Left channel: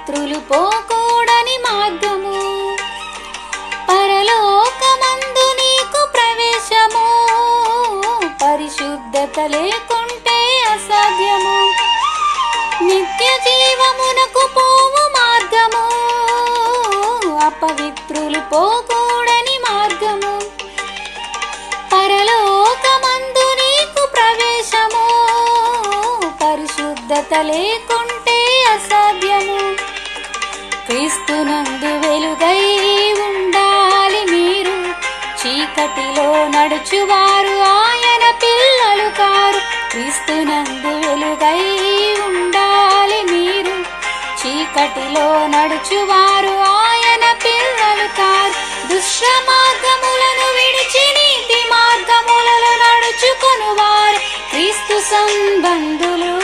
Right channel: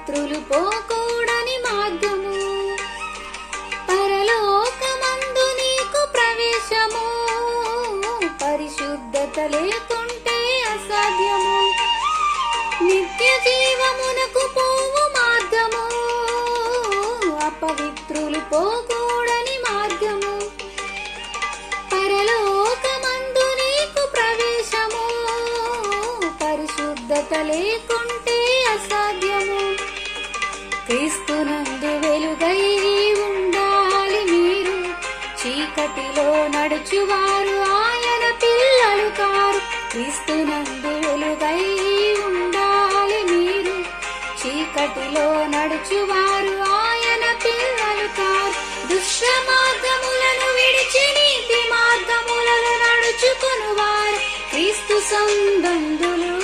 అపవిత్రులు పోకూడని మార్గము, పరలోకమందు నీకు ప్రవేశము, పరిశుద్ధత లేకుంటే అసాధ్యము, నిత్య జీవమునకు పోవు మార్గము, అపవిత్రులు పోకూడని మార్గము, పరలోకమందు నీకు ప్రవేశము, పరిశుద్ధత లేకుంటే అసాధ్యము. క్రీస్తునందు వెలుగై ఉండాలి మీరు, చీకటిలో నడుచువారు ఆయన పిల్లలు కారు. క్రీస్తునందు వెలుగై ఉండాలి మీరు, చీకటిలో నడుచువారు ఆయన పిల్లలు కారు. దుష్ట మార్గములను విడిచి నీతి మార్గములలో నడుచుకొనువారు క్రీస్తు సంబంధులు.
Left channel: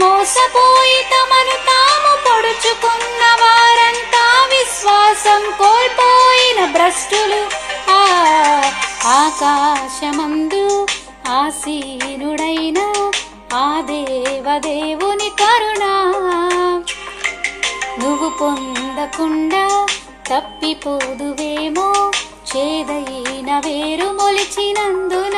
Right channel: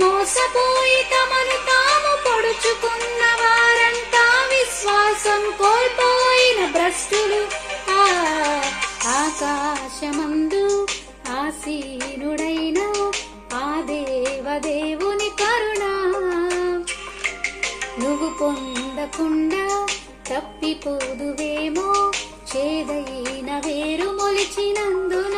మోసపోయి తమను తాము పొడుచుకున్న వారంతా విశ్వాసం కోల్పోయిన భ్రష్టులు. ఆకాశమందు ఆసీనుడైన ఆ దేవదేవుని కరుణ నువ్వు పొందకుండా తప్పిపోదువేమో, చేదైన వేరు మొలిచినందున.